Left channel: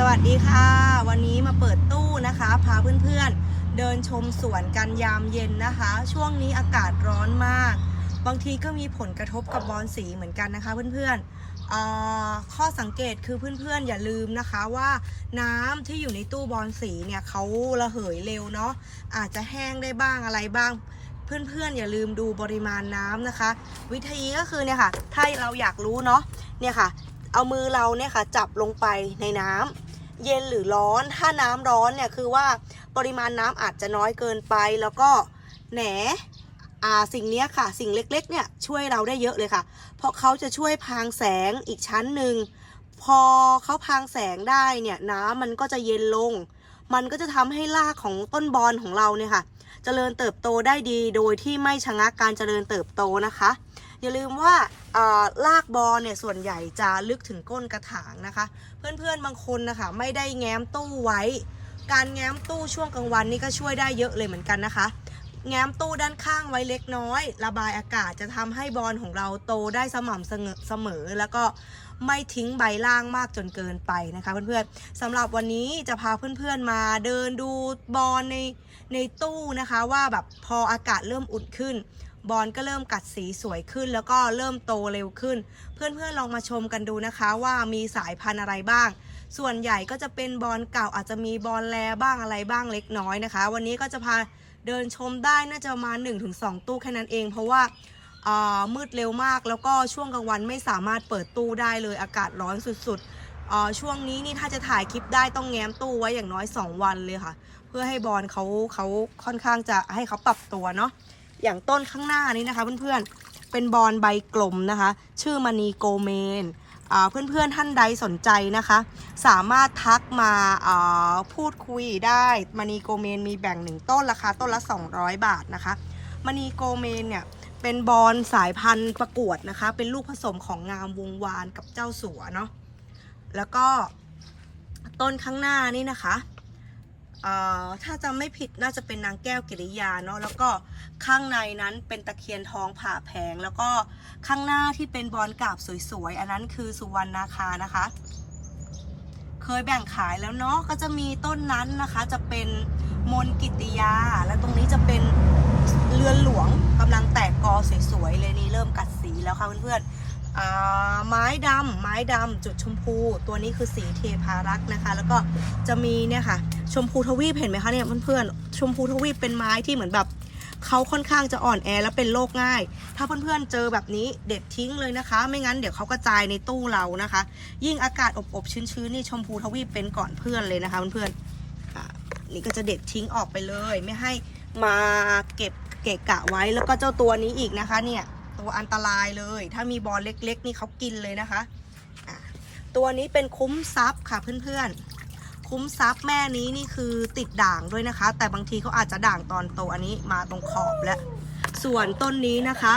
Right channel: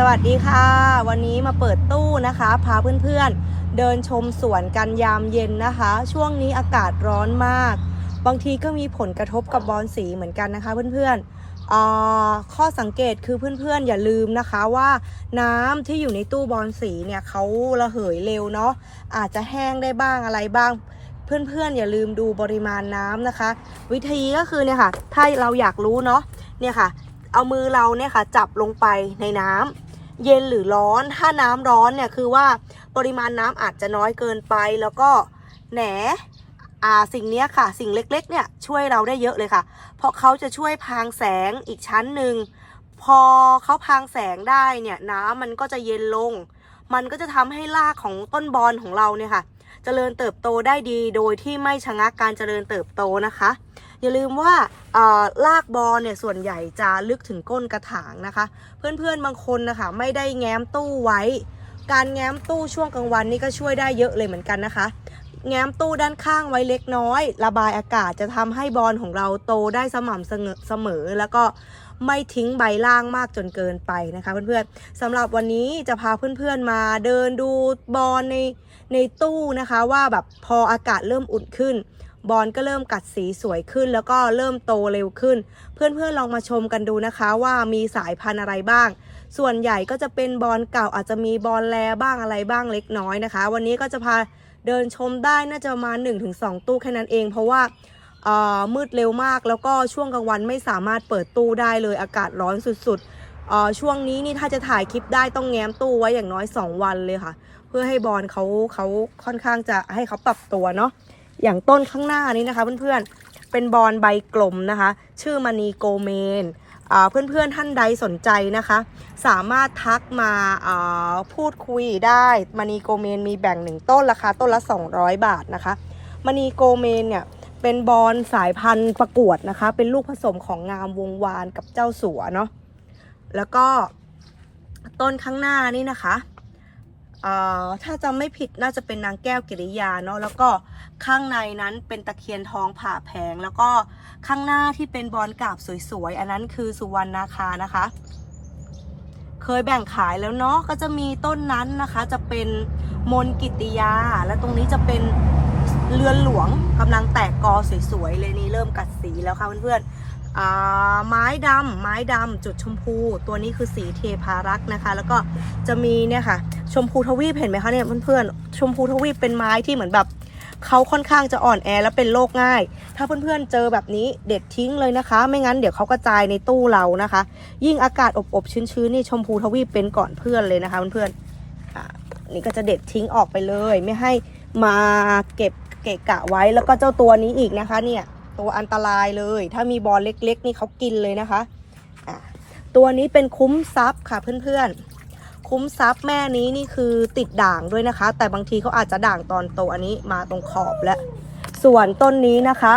สวัสดีค่ะ วันนี้มาเปิดตู้นะคะ พาเพื่อนๆ เดินชมสวนกันยามเย็นนะคะ ช่วงนี้อากาศร้อนมาก บางทีก็มีผลกระทบกับบอลสีเหมือนกันนะคะเพื่อนๆอ่าข้อสังเกตคือเพื่อนๆ อย่าลืมนะคะว่าน้ำที่อยู่ในตู้บอลสีเนี่ยเขาระเหยเร็วเนาะอาจจะแห้งได้บ้างอะไรบ้างเพื่อนๆ อย่าลืมดูปริมาณน้ำนะคะ วิธีก็คือเนี่ยค่ะ ถ้าเราอยากรู้เนาะเนี่ยค่ะ เอามือเราเนี่ยค่ะ จับลงไปในน้ำ เย็นหรือร้อน ถ้าน้ำร้อนเนี่ยคือว่าปริมาณน้ำอาจจะน้อยเกินไป แล้วก็แหนอ่าสิ่งเนี้ยค่ะ สิ่งเล็กๆเนี่ยช่วยเราได้เยอะเลยค่ะ เพราะเขาจะช่วยพรางแสงอีกชั้นหนึ่งพอเขาพรางแสงได้เนี่ยน้ำมันก็จะเย็นลง มันก็จะทำให้รากของต้นบอลของเราเนี่ยค่ะเจริญเติบโตได้ดีโดยที่ไม่ชะงักการเจริญเติบโตนะคะ อย่าลืมว่าเอ่อรากบอลเนี่ยส่วนใหญ่จะลึกถึงก้นกระถางนะคะ เพื่อนๆบางคนนะคะไม่ได้แง้มตู้ไว้ การแง้มตู้ช่วงกลางวันนี่ก็ช่วยได้เยอะเลยเหมือนกันนะคะ แง้มตู้ด้านข้างไว้เล็กน้อย ระบายอากาศจะทำให้บอลของเราโตได้สม่ำเสมอเสมอแล้วก็ไม่ทิ้งใบล่างมากจนเกินไปนะคะเพื่อนๆสำหรับวันนี้จะพาเพื่อนๆมาเดินดูบอลในในตู้นะคะ ว่าแบบพออากาศเริ่มอุ่นขึ้น บอลก็เริ่มกัดสีสวยขึ้น แล้วก็เริ่มโตเร็วขึ้น เพื่อนๆลองมาชมกันดูนะคะว่ามีสายพันธุ์อะไรบ้าง ส่วนใหญ่ก็จะเป็นบอลเก่าอาจจะมีบอลแลบ้างอะไรบ้างเล็กน้อยนะคะ วันนี้ก็จะพาเดินชมได้น่าจะประมาณ 1-2 ตู้แค่นั้นเอง เพราะว่ามืดเร็วมากแล้วก็ช่วงกลางวันไม่สามารถเปิดตู้ได้เลยอากาศร้อนสุดๆช่วงนี้นี่ถ้าจะถ่ายคลิปได้ต้องแง้มตู้ไว้อย่างน้อย 2 วันเลยค่ะ เพื่อให้บอลเขาเขาค่อนข้างจะให้เขาปรับตัวเนาะ อย่างต้นข้างหน้านี้นะคะเพื่อนๆ เป็นบอลใบกลมนะคะ ชื่อมณีโกเมนอ่าเพื่อนๆท่านใดสนใจนะคะ สามารถทักมาอ่าพูดคุยได้มณีโกเมนมีแบ่งหนึ่งต้นราคาต้นละ 200 บาทนะคะมณีโกเมนเนี่ยเป็นบอลสายพันธุ์ประกวดนะคะ เป็นลูกผสมของงามวงวานกับเจ้าสัวเนาะแล้วก็ต้นข้างหน้านี่นะคะ ถ้าจำไม่ผิดน่าจะเป็นนางแก้วกิริยาเนาะแล้วก็ข้างในนั้นเป็นตะเคียนทองผ่าแผง แล้วก็ข้างหน้าที่เป็นบอลกาบสวยๆ อันนั้นคือสุวรรณนาคานะคะ เคยแบ่งขายแล้วเนาะก็จะมีต้นนั้นนะคะ จะเป็นมนกิติยา และตรงนี้จะเป็นเรือนหลวงกำลังแตกกอสวยๆเลยนี่เริ่มกัดสีแล้วค่ะเพื่อนๆ ไม้ดำไม้ดำจุดชมพู ตัวนี้คือสีเทพารักษ์นะคะ แล้วก็จะมีเนี่ยค่ะ ชมพูทวีปเห็นไหมคะเนี่ยเพื่อนๆชมพูทวีปเป็นไม้ที่เหมือนแบบเขาค่อนข้างจะอ่อนแอและเป็นโรคง่าย ถ้าเพื่อนๆเจอแบบนี้เด็ดทิ้งเลยนะคะ ไม่งั้นเดี๋ยวเขากระจายในตู้เรานะคะ ยิ่งอากาศอบๆชื้นๆนี่ชมพูทวีปเป็นก่อนเพื่อนเลยนะคะเพื่อนๆนี่ก็จะเด็ดทิ้งออกไปเลย ไม่ให้มาเก็บเกะกะไว้แล้วก็เจ้าตัวนี้อีกนะคะเนี่ย ตัวอันตรายเลย ถ้ามีบอลเล็ก ๆ นี่เขากินเลยนะคะะตัวนี้เป็นคุ้มซับค่ะเพื่อนๆ คุ้มซับแม่นี้นี่คือติดด่างด้วยนะคะ แต่บางทีเขาอาจจะด่างตอนโตอันนี้มาตรงขอบแล้ว ส่วนต้นนี้นะคะ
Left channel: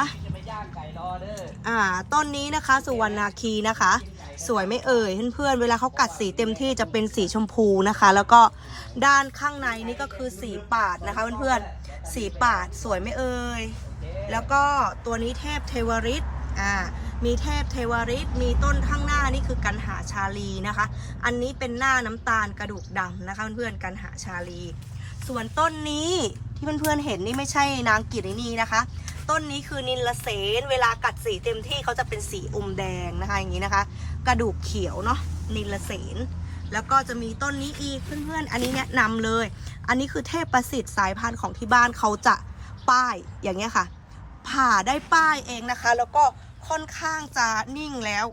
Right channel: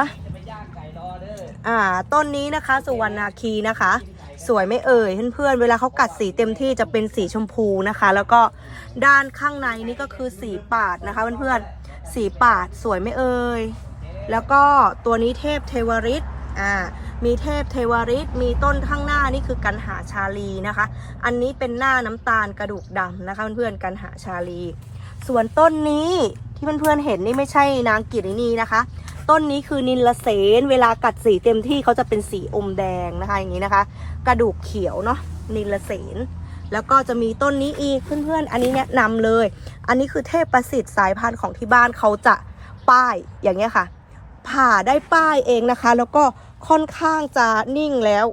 อ่าต้นนี้นะคะสุวรรณาคีนะคะ สวยไม่เอ่ยเพื่อนๆเวลาเขากัดสีเต็มที่จะเป็นสีชมพูนะคะ แล้วก็ด้านข้างในนี่ก็คือสีปาดนะคะเพื่อนๆสีปาดสวยไม่เอ่ย แล้วก็ตัวนี้เทพเทวริตอ่ามีเทพเทวริตมีต้นข้างหน้านี่คือกันหาชาลีนะคะ อันนี้เป็นหน้าน้ำตาลกระดูกดำนะคะเพื่อนๆกันหาชาลี ส่วนต้นนี้ที่เพื่อนๆเห็นนี่ไม่ใช่นางกิรินีนะคะ ต้นนี้คือนิลเสนเวลากัดสีเต็มที่เขาจะเป็นสีอมแดงนะคะอย่างนี้นะคะ กระดูกเขียวเนาะนิลเสนแล้วก็จะมีต้นนี้อีกเพื่อนๆ อันนี้แนะนำเลย อันนี้คือเทพประสิทธิ์สายพันธุ์ของที่บ้านเขาจะป้ายอย่างเงี้ยค่ะ ผ่าได้ป้ายเองนะคะ แล้วก็ค่อนข้างจะนิ่งแล้ว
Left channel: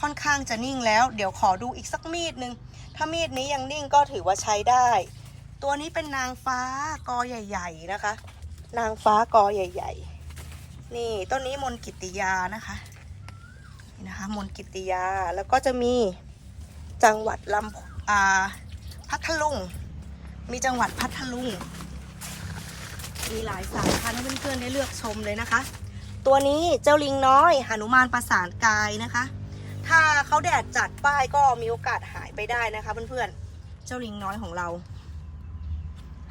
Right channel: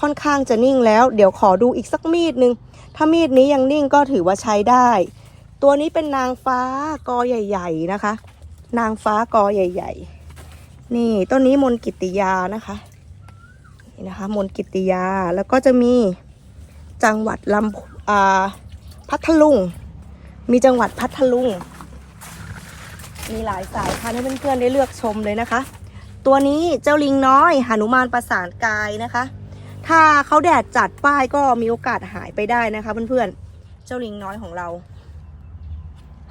ค่อนข้างจะนิ่งแล้ว เดี๋ยวขอดูอีกสักมีดนึง ถ้ามีดนี้ยังนิ่งก็ถือว่าใช้ได้ ตัวนี้เป็นนางฟ้ากอใหญ่ ๆนะคะ นางฟ้ากอใหญ่ ๆ นี่ต้นนี้มนกิติยานะคะนะคะ มนกิตติยาแล้วก็จะมีจังหวัดลำอ่าพัทลุง มีจังหวัดพัทลุง มีหลายสายพันธุ์ให้เพื่อนๆได้เลือกชมเลยนะคะ ตัวนี้เจ้าลิงน้อยหนุมานประสานกายนะคะ ถ้าเขาแดดจัดป้ายก็มีโอกาสหายไปได้นะคะ เพื่อนๆ เจ้าลิงน้อยของเรา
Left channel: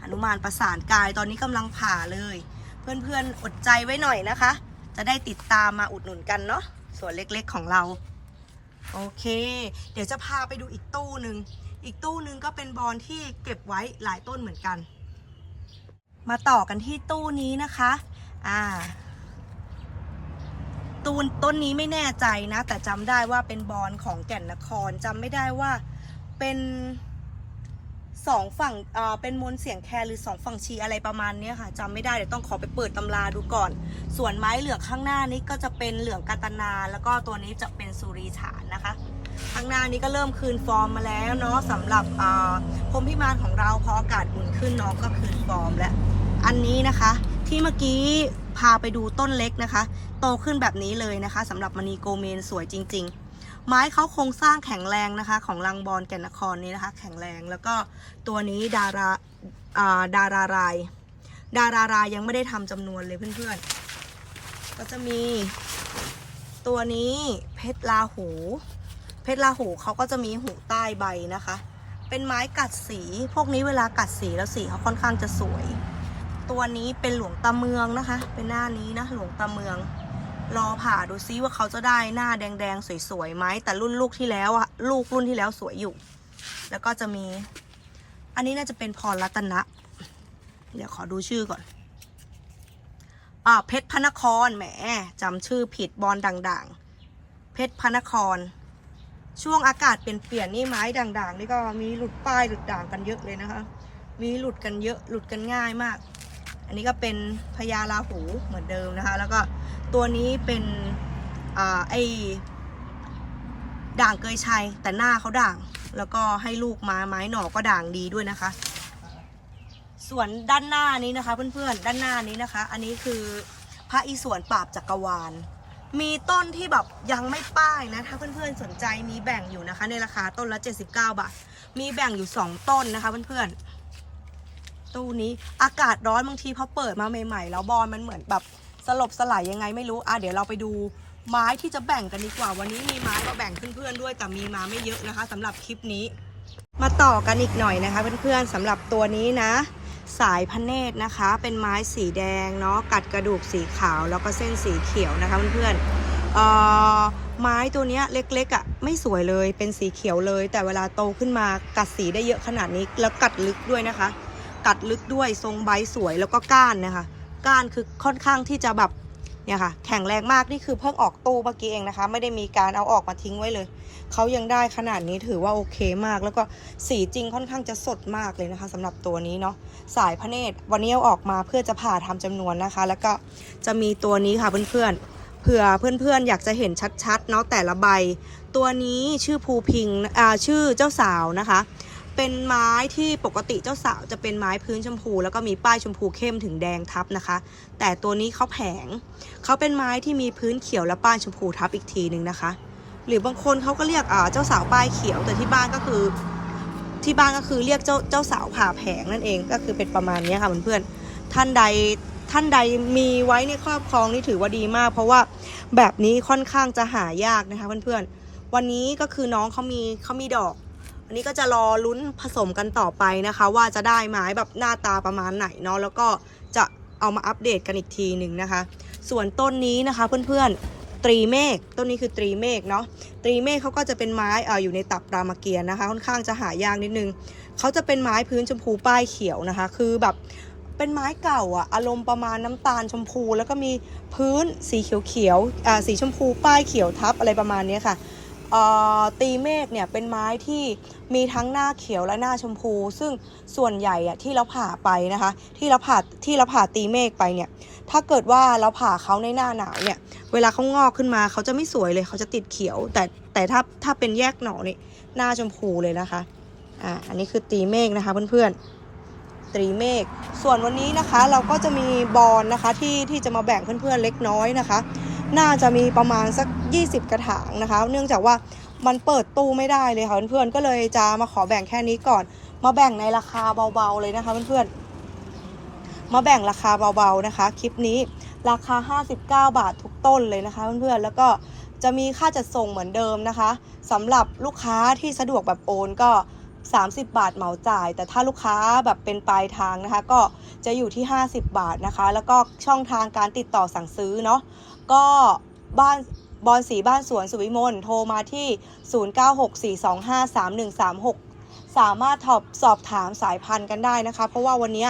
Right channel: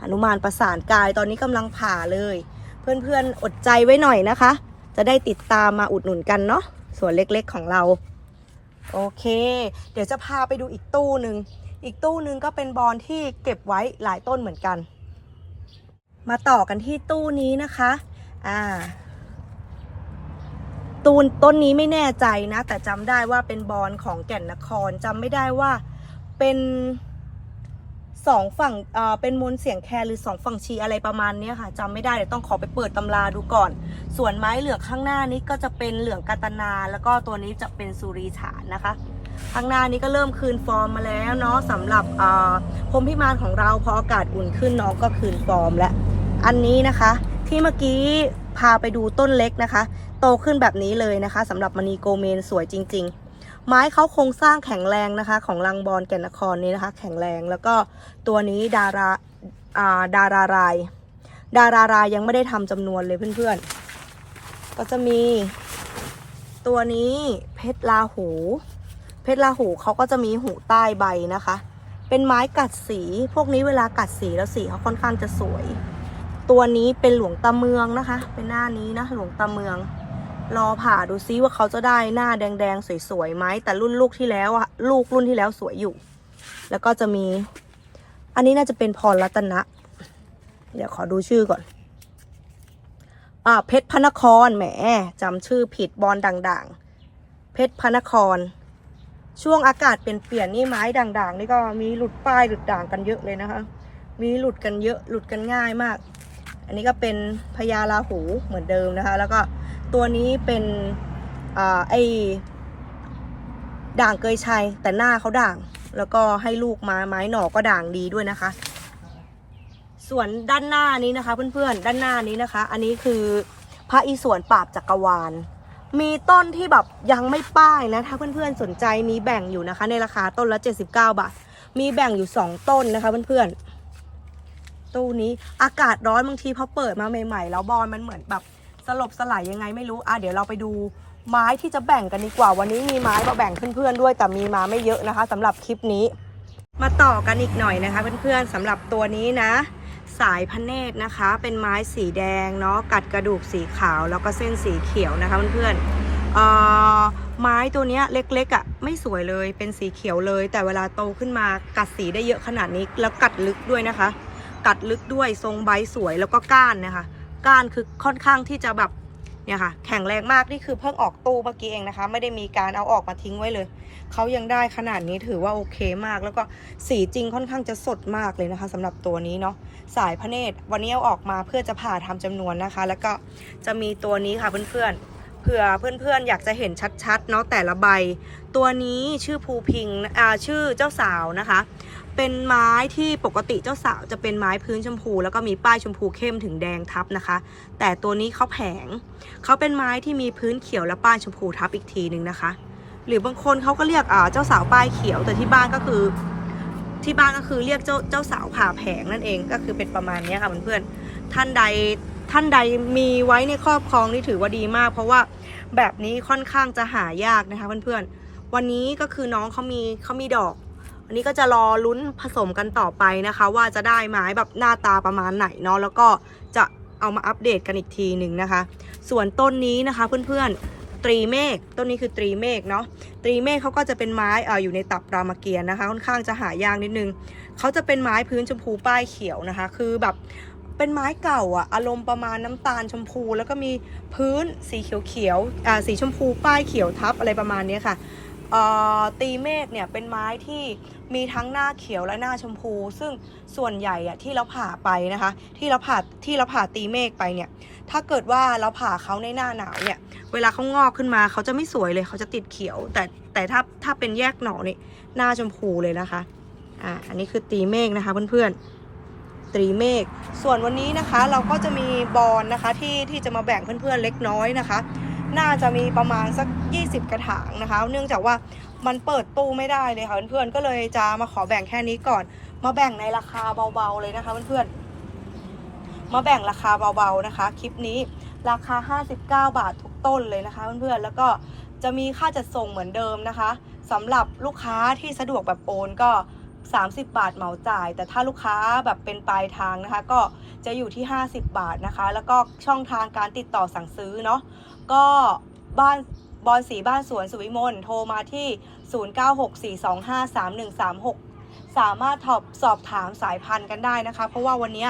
หนุมานประสานกายตอนนี้กำลังผ่าเลย เพื่อนๆอดใจไว้หน่อยนะคะ จะได้ติดตามมาอุดหนุนกันเนาะส่วนเล็กๆของเรา โอเค เดี๋ยวจะพาไปดูอีกตู้หนึ่งอีกตู้หนึงก็เป็นบอลที่เก็บไว้หลายต้นเหมือนกัน มาต่อกันที่ตู้นี้นะคะ อ่า ตูนต้นนี้ไม่แน่ใจนะ แต่จำได้ว่าเป็นบอลของแก่นนครจำไม่ได้ว่าเป็นสองฝั่งอ่าเป็นมนเสียงแคนหรือสองฝั่งชีอะไรประมาณนี้ค่ะจำไม่ได้เดี๋ยวต้องขอไปเปิดตำราดูก่อน ส่วนไม้เหลืองข้างหน้านี้ก็จะเป็นเหลืองกาตนา แล้วก็ตัวนี้จะเป็นสุรีฉานนะคะ ข้างหน้านี้ก็เริ่มคืนฟอร์มมาแล้วเนาะสำหรับอ่าพรมพิมานของเราพออากาศอุ่นขึ้นน้องก็คืนฟอร์มแล้ว อันนี้นะคะ ที่เมื่อกี้พาไปดูต้นเล็กนะคะ โตขึ้นแบบนี้เลยนะคะสำหรับมณีโกเมนสวยจริง ๆ ไม้เขาโครงสร้างแข็งแรงนะคะ ของลังบอลแก่นนครนี้นะคะ แข็งแรงแล้วก็ตัวนี้ดาราาดาราราย ดารารายยังไม่ได้ทำจำนวนเลยเพื่อนๆ ก็จะมีตัวนี้เพชรลาหู เพชรลาหูเขาก็จะมีหูใต้ใบนะคะ เป็นไม้กัดสี พวกนี้เวลากัดสีแล้วสีเขาค่อนข้างจะสวย ตัวนี้เป็นหลวงตาเมืองนะคะ เป็นหน้านี้นะหลวงตาเมือง รอผ่าดูซิว่าเขาจะได้หน้าแดงๆสวยๆไหมแต่รุ่นลูกที่แล้วอะลูกรุ่นที่แล้วสวยอยู่ แล้วก็จะมี อันนี้น่าจะเป็นพรรัตนะ เดี๋ยวขอดูชื่อก่อนอ่าเพชรพระนครแหมจำชื่อผิดบอลด่างๆ เพชรพระนคร ช่วงอากาศเปลี่ยนเปลี่ยนๆนี่ไม้ด่างๆ นี่ก็มีหลุดป้ายหลุดด่างกันเยอะเลยนะคะ มีหลุดกันเยอะหลุดกันง่ายมาก อันนี้ก็เป็นพญาลาหูเหมือนเดิมนะคะ แล้วก็ตัวนี้เป็นอ่าไอด่างเกยชัยแต่หน้าเขาด่าง แล้วก็ให้ลูกมาไม้หน่อก็ด่างดีด้วยนะคะ ส่วนด้านหน้านี้นะคะ เพื่อนๆด้านหน้านี้นะคะ อันนี้คือพระอิศวรปราบจักรวาล มีต้นที่แบบยังไม่ป้ายนะ ถ้าเพื่อนๆสนใจมีแบ่งอยู่นะคะ ในราคาต้นละ 79 บาท มีแบ่งอยู่ 2 ต้นนะคะเพื่อนๆ ตู้นี้อากาศร้อนบางทีพอเปิดมาใหม่ๆ แล้วบอลมันเหมือนแบบสลบสลายยังไงไม่รู้อะเดี๋ยวเราไปดูไม้ที่จะแบ่งกันดีกว่า วันนี้มีไม้มาแบ่งเพื่อนๆด้วย แต่มีมาไม่เยอะนะคะสำหรับคลิปนี้ มาต่อกันอีกหน่อยนะคะ เพื่อนๆสำหรับตัวนี้นะ สายพเนตรนะคะ เป็นไม้สีแดงเนาะกัดกระดูกสีขาวแล้วก็เส้นสีเขียวนะคะเพื่อนๆเอ่อไม้ตัวนี้เล็กๆอะ่ะไม่สวยเลยเป็นสีเขียวเลย แต่เวลาโตขึ้นมากัดสีได้เยอะขนาดนี้แล้วกัดลึกด้วยนะคะ กัดลึกด้วยทรงใบสวยแล้วก็ก้านนะคะ ก้านคือค่อนข้างที่จะแบบเนี่ยค่ะ แข็งแรงมากนี่คือเพิ่งออกตู้เมื่อกี้เองนะคะ ไม่ได้มีการเอาออกมาทิ้งไว้เลยเขายังได้ขนาดนี้ถือว่าโอเคมาก แล้วก็สีจริงค่อนข้างจะสดมากเลยนะคะสำหรับตัวนี้เนาะสายพระเนตรวันนี้เอาออกมาเพื่อจะผ่าทำจำนวนนะคะ แล้วก็จะมีตัวนี้ค่ะเพื่อนๆเผื่อเพื่อนๆ อยากจะเห็นชัดๆเนาะแต่ละใบ ตัวนี้ชื่อภูพิงอ่าชื่อเจ้าสาวนะคะ เป็นไม้ที่ปกติเจ้าสาวจะเป็นไม้พื้นชมพู แล้วก็มีป้ายชมพูเข้มถึงแดงทับนะคะ แต่ตัวนี้เขาแผงเขาเป็นไม้ที่มีพื้นเขียวและป้ายชมพูทับอีกทีหนึ่งนะคะ หรือบางคนเขาก็เรียกอ่าเจ้าสาวป้ายเขียวแต่ที่บ้านก็คือ ที่บ้านก็คือเรียกเจ้าเจ้าสาวผ่าแผงนั่นเองก็คือเป็นประมาณนี้ค่ะเพื่อนๆท่านใดท่านใดมีไว้ในครอบครองนี่ถือว่าดีมาก เพราะว่าแบบนี้ค่อนข้างจะหายากนะคะเพื่อนๆวันนี้ก็คือน้องเขามีเขามีดอก อันนี้ก็จะรอลุ้นผสมกันต่อไปนะคะ ว่าจะได้ไม้แบบหน้าตาประมาณไหนเนาะแล้วก็จะเอามาอัปเดตกันอีกทีหนึ่งนะคะ ส่วนต้นนี้นะคะเพื่อนๆตรีเมฆต้นนี้คือตรีเมฆเนาะตรีเมฆเขาก็จะเป็นไม้เอออยู่ในตับรามเกียรติ์นะคะ ค่อนข้างจะหายากนิดนึงเขาจะเป็นไม้พื้นชมพูป้ายเขียวนะคะ คือแบบเป็นไม้เก่าอะอารมณ์ประมาณน้ำตาลชมพู แล้วก็มีพื้นสีเขียวๆอ่าสีชมพูป้ายเขียวทับอะไรประมาณนี้ค่ะ ตีเมฆเนี่ยเป็นไม้ที่มีทั้งหน้าเขียวและหน้าชมพู ซึ่งส่วนใหญ่อะที่เราผ่าไปนะคะ ที่เราผ่าที่เราผ่าตีเมฆไปเนี่ย ถ้าเกิดว่าเราผ่าเขาในหน้าหนาวเนี่ย เวลาเขางอกขึ้นมาเขาจะไม่สวยเลยเขาจะติดเขียว แต่แต่ถ้าถ้าเป็นแยกหน่อนี่หน้าชมพูเลยนะคะอ่าอันนี้คือตีเมฆนะคะเพื่อนๆตีเมฆส่วนวันนี้นะคะเราก็จะมีบอลนะคะที่ที่จะมาแบ่งเพื่อนๆเล็กน้อยนะคะ น่าจะมีประมาณสัก 20 กระถางนะคะ เนื่องจากว่ามันเปิดตู้ไม่ได้เลยค่ะเพื่อนๆก็เลยจะมาขอแบ่งแค่นี้ก่อน มาแบ่งในราคาเบาๆเลยนะคะเพื่อนๆมาแบ่งราคาเบาๆนะคะ คลิปนี้ราคา 59 บาททุกต้นเลยนะคะเพื่อนๆแล้วก็จะมีค่าจัดส่งเหมือนเดิมนะคะสำหรับลูกค้าที่สะดวกแบบโอนก็ 30 บาทเหมาจ่าย แต่ถ้าลูกค้าแบบเป็นปลายทางนะคะ ก็จะอยู่ที่ 50 บาทนะคะ แล้วก็ช่องทางการติดต่อสั่งซื้อเนาะก็บ้านบอลสีบ้านสวนสุวิมลโทรมาที่ 0964253136 สามารถสอบสอบถามสายพันธุ์กันได้นะคะ เพราะว่าวันนี้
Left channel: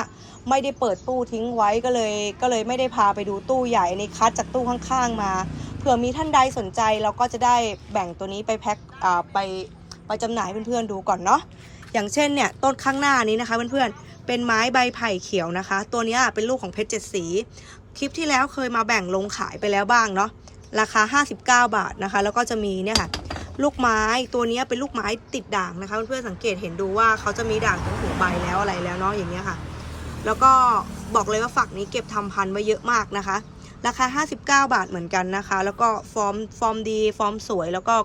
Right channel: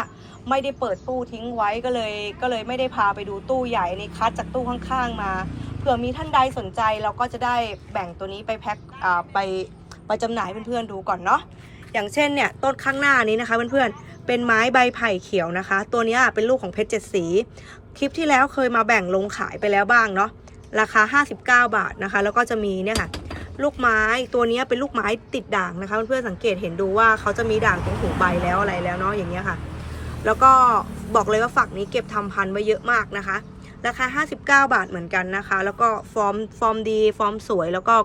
ไม่ได้เปิดตู้ทิ้งไว้ก็เลยก็เลยไม่ได้พาไปดูตู้ใหญ่ในคัดจากตู้ข้างๆมา เผื่อมีท่านใดสนใจเราก็จะได้แบ่งตัวนี้ไปแพ็คไป ไปจำหน่ายเพื่อนๆดูก่อนเนาะอย่างเช่นเนี่ยต้นข้างหน้านี้นะคะเพื่อนๆเป็นไม้ใบไผ่เขียวนะคะ ตัวนี้เป็นลูกของเพชรเจ็ดสี คลิปที่แล้วเคยมาแบ่งลงขายไปแล้วบ้างเนาะราคา 59 บาทนะคะ แล้วก็จะมีเนี่ยค่ะลูกไม้ตัวนี้เป็นลูกไม้ติดด่างนะคะ เพื่อนๆสังเกตเห็นดูว่าเขาจะมีด่างตรงหูใบแล้วอะไรแล้วเนาะอย่างเงี้ยค่ะ แล้วก็บอกเลยว่าฝักนี้เก็บทำพันธุ์ไว้เยอะมากนะคะ ราคา 59 บาทเหมือนกันนะคะ แล้วก็ฟอร์มฟอร์มดี ฟอร์มสวยแล้วก็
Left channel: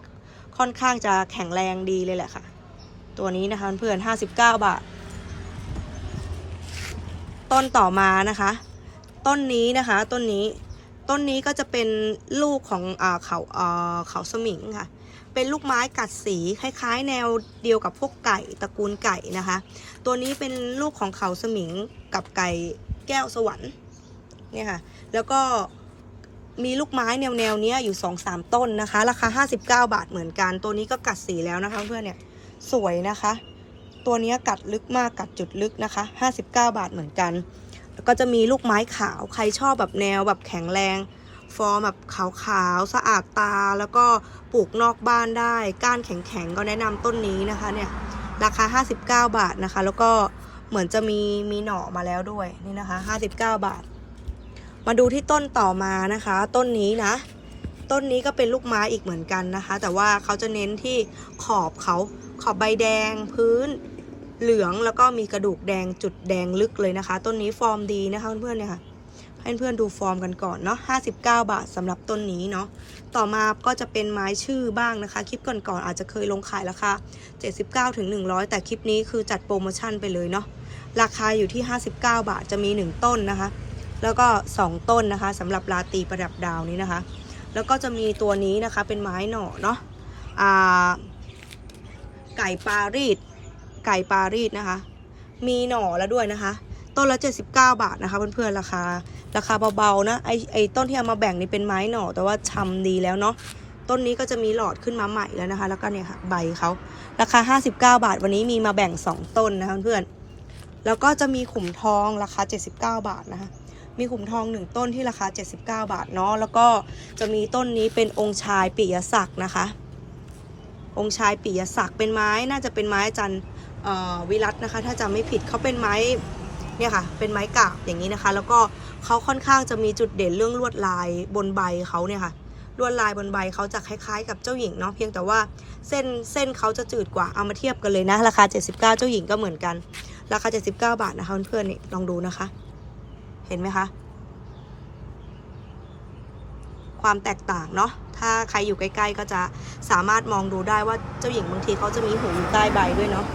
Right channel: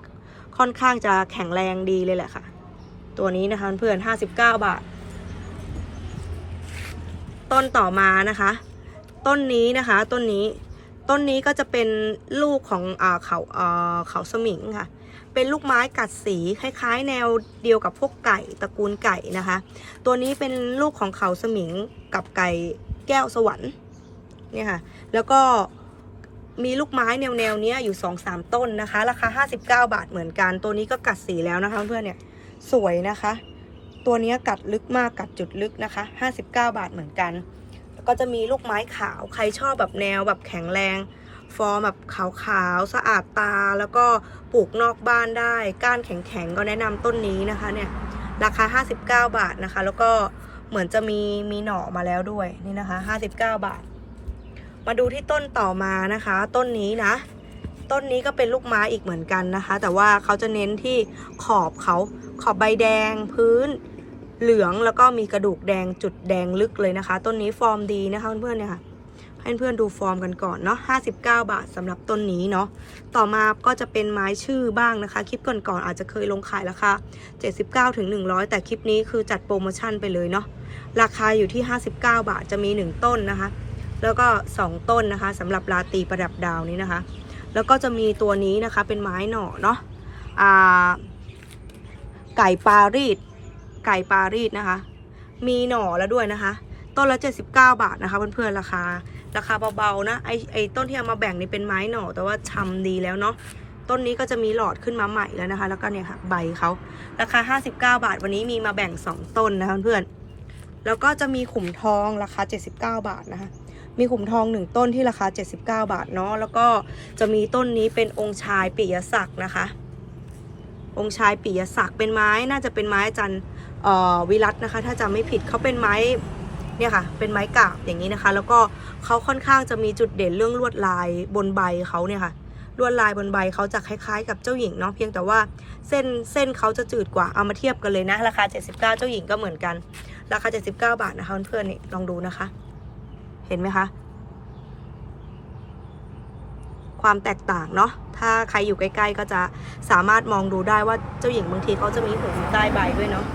ค่อนข้างจะแข็งแรงดีเลยแหละค่ะ ตัวนี้นะคะเพื่อน59 บาท ต้นต่อมานะคะ ต้นนี้นะคะ ต้นนี้ ต้นนี้ก็จะเป็นลูกของอเขาอ่าเขาสมิงค่ะ เป็นลูกไม้กัดสีคล้ายๆ แนวเดียวกับพวกไก่ตระกูลไก่นะคะ ตัวนี้เป็นลูกของเขาสมิงกับไก่แก้วสวรรค์เนี่ยค่ะ แล้วก็ มีลูกไม้แนวแนวเนี้ยอยู่2องสามต้นนะคะ ราคา 59 บาทเหมือนกัน ตัวนี้ก็กัดสีแล้วนะคะเพื่อนเนี่ยสวยนะคะ ตัวนี้กัดลึกมากกัดจุดลึกนะคะ 59 บาทเหมือนกันแล้วก็จะมีลูกไม้ขาวใครชอบแบบแนวแบบแข็งแรง ฟอร์มแบบขาวๆสะอาดตาแล้วก็ปลูกนอกบ้านได้ ก้านแข็งๆก็แนะนำต้นนี้นะคะเนี่ยราคา 59 บาทนะคะ แล้วก็เหมือนจะมีมีหน่อมาแล้วด้วยนี่นะคะ 59 บาท มาดูที่ต้นต่อมานะคะ ต้นนี้นะ ต้นนี้ก็เป็นลูกไม้อีกเหมือนกันนะคะ แต่ว่าเขาจะเน้นที่ขอบเขาขอบใบแดงพื้นเหลืองแล้วก็มีกระดูกแดงจุดแดงลึกเลยนะคะ ต้นนี้ฟอร์มดีนะคะเพื่อนๆเนี่ยค่ะให้เพื่อนๆดูฟอร์มกันก่อนเนาะ59 บาทสำหรับต้นนี้เนาะ ต่อมาก็จะเป็นไม้ชื่อบ้างนะคะ คลิปก่อนๆอาจจะเคยลงขายราคา 79ถึง100 แต่คลิปนี้คือจัดโปรโมชั่นไปเลยเนาะ ราคาอยู่ที่ 59 บาทจะมี 1 ต้นนะคะ แล้วก็ 2 ต้นนะคะสำหรับลาตีประดับดาวนี้นะคะ แล้วก็จะมีตัวนี้นะคะเป็นไม้หน่อเนาะไก่ปารีสไก่ปารีสนะคะ มีหน่อแล้วด้วยนะคะ ต้นละ 79 บาทนะคะเพื่อนๆราคาราคาเบาๆนะไอไอต้นที่เอามาแบ่งนี่เป็นไม้หน่อแต่ว่าชำดีแล้วเนาะต้นนี้ก็จะมีหลอดขึ้นมาใหม่แล้วนะคะ แล้วก็เนี่ยค่ะใบเขาราคา 59 บาท วันนี้มีมาแบ่ง 2 ต้นนะคะเพื่อนๆแล้วก็จะมีขุมทองราคา 79 บาทนะคะ มีขุมทองหนึ่งต้นที่ราคา 79 บาทเนาะแล้วก็จะมีต้นนี้เป็นองค์ชายปิยศักดิ์นะคะ องค์ชายปิยศักดิ์เป็นไม้น่าจะเป็นไม้อาจันอวิรัตนะคะ ถ้าจำไม่ผิดเขาเป็นไม้เนี่ยค่ะ เป็นไม้กาบอย่างนี้นะคะ แล้วก็เขาค่อนข้างจะมีจุดเด่นเรื่องลวดลายบนใบเขาเนี่ยค่ะลวดลายบนใบเขาจะคล้ายๆ กับเจ้าหญิงเนาะเพียงแต่ว่าเส้นเส้นเขาจะจืดกว่าเอามาเทียบกันเลยนะ ราคา 79 เจ้าหญิงก็เหมือนกัน ราคา 79 บาทนะคะเพื่อนๆนี่ลองดูนะคะ เห็นไหมคะ ความแตกต่างเนาะถ้าใครอยู่ใกล้ ๆ ก็จะสามารถมองดูได้ว่าเจ้าหญิงบางทีเขาจะมีหูอยู่ใต้ใบด้วยเนาะ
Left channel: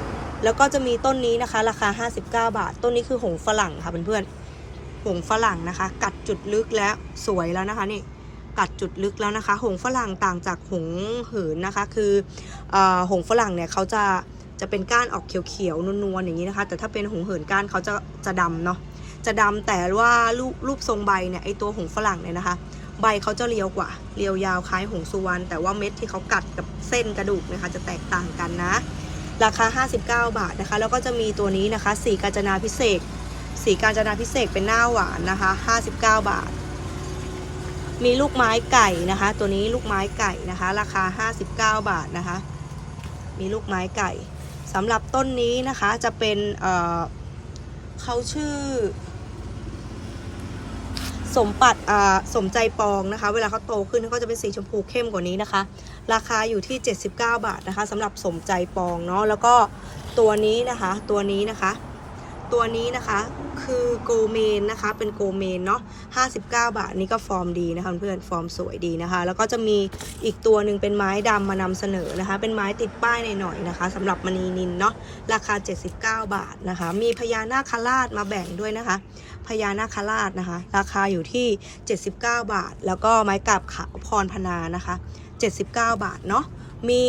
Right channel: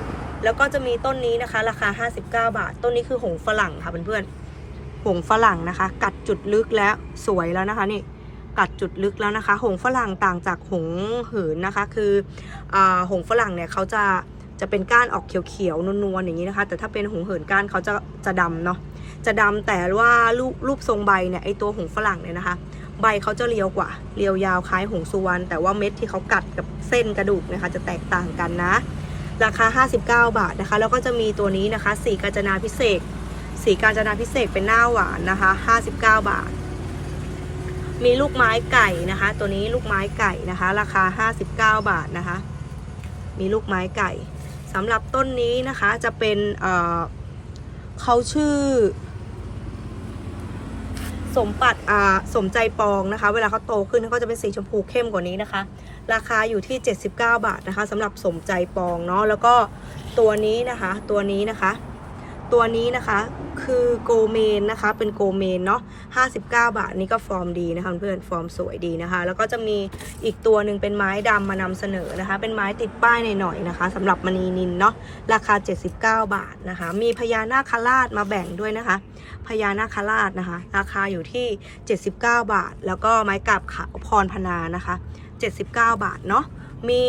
แล้วก็จะมีต้นนี้นะคะ ราคา 59 บาท ต้นนี้คือหงฝรั่งค่ะเพื่อนๆหงฝรั่งนะคะ กัดจุดลึกแล้วสวยแล้วนะคะนี่กัดจุดลึกแล้วนะคะ หงฝรั่งต่างจากหงเหินนะคะ คืออหงฝรั่งเนี่ยเขาจะจะเป็นก้านออกเขียวๆนวลๆอย่างนี้นะคะ แต่ถ้าเป็นหงเหินก้านเขาจะจะดำเนาะ จะดำแต่ว่ารูปรูปทรงใบเนี่ยไอตัวหงฝรั่งเนี่ยนะคะ ใบเขาจะเรียวกว่า เรียวยาวคล้ายหงสุวรรณแต่ว่าเม็ดที่เขากัดกับเส้นกระดูกนะคะจะแตกต่างกันนะ ราคา 59 บาทนะคะ แล้วก็จะมีตัวนี้นะคะ สีกาญจนาพิเศษ สีกาญจนาพิเศษเป็นหน้าหวานนะคะ 59 บาท มีลูกไม้ไก่นะคะ ตัวนี้ลูกไม้ไก่นะคะ ราคา 59 บาทนะคะ มีลูกไม้ไก่สำหรับต้นนี้นะคะจะเป็นเเขาชื่อ สมปัดอ่าสมใจปองนะคะ เวลาเขาโตขึ้นเขาจะเป็นสีชมพูเข้มกว่านี้นะคะ ราคาอยู่ที่ 79 บาทนะคะสำหรับสมใจปองเนาะแล้วก็ตัวนี้นะคะตัวนี้นะคะ ตัวนี้นะคะคือโกเมนนะคะเป็นโกเมนเนาะ59 บาทนี่ก็ฟอร์มดีนะคะเพื่อนฟอร์มสวยดีนะคะ แล้วก็จะมีอีกตัวหนึ่งเป็นไม้ดำมานำเสนอนะคะ เป็นไม้ติดป้ายหน่อยๆนะคะสำหรับมณีนินเนาะราคา 79 บาทนะคะ มีพญานาคราชมาแบ่งด้วยนะคะ พญานาคราชนะคะ ราคาอยู่ที่ 79 บาท แล้วก็ไม้กาบขาวพรพนานะคะ 79 บาทเนาะมี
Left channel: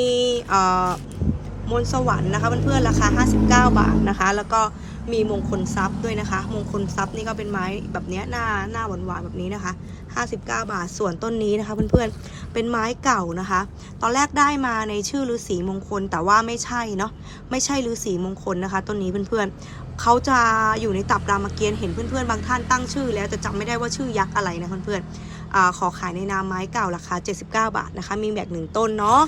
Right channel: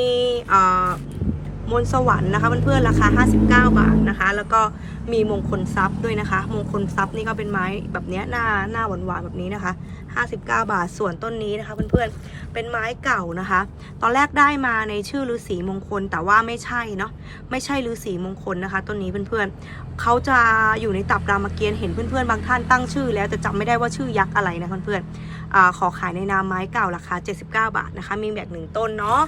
มนสวรรค์นะคะเพื่อนๆราคา 59 บาทนะคะ แล้วก็มีมงคลทรัพย์ด้วยนะคะ มงคลทรัพย์นี่ก็เป็นไม้แบบเนี้ยหน้าหน้าหวานๆแบบนี้นะคะ 59 บาทส่วนต้นนี้นะคะ เพื่อนๆเป็นไม้เก่านะคะ ตอนแรกได้มาในชื่อฤาษีมงคลแต่ว่าไม่ใช่เนาะไม่ใช่ฤาษีมงคลนะคะ ต้นนี้เพื่อนๆ เขาจะอยู่ในตับรามเกียรติ์เห็นเพื่อนๆ บางท่านตั้งชื่อ แล้วแต่จำไม่ได้ว่าชื่อยักษ์อะไรนะเพื่อนๆอขอขายในนามไม้เก่าราคา 79 บาทนะคะ มีแบบหนึ่งต้นเนาะ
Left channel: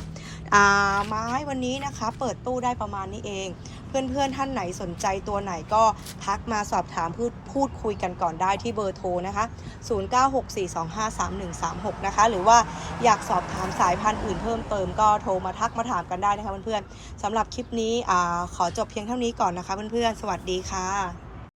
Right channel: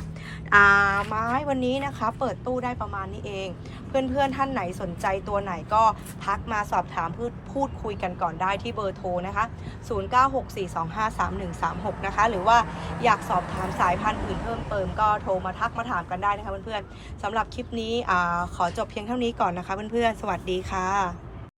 ไม้วันนี้นะคะ เปิดตู้ได้ประมาณนี้เอง เพื่อนๆท่านไหนสนใจตัวไหนก็ทักมาสอบถามพูดพูดคุยกันก่อนได้ที่เบอร์โทรนะคะ 0964253136 นะคะ หรือว่าอยากสอบถามสายพันธุ์อื่นเพิ่มเติมก็โทรมาทักมาถามกันได้นะคะเพื่อนๆสำหรับคลิปนี้อาขอจบเพียงเท่านี้ก่อนนะคะเพื่อนๆสวัสดีค่ะ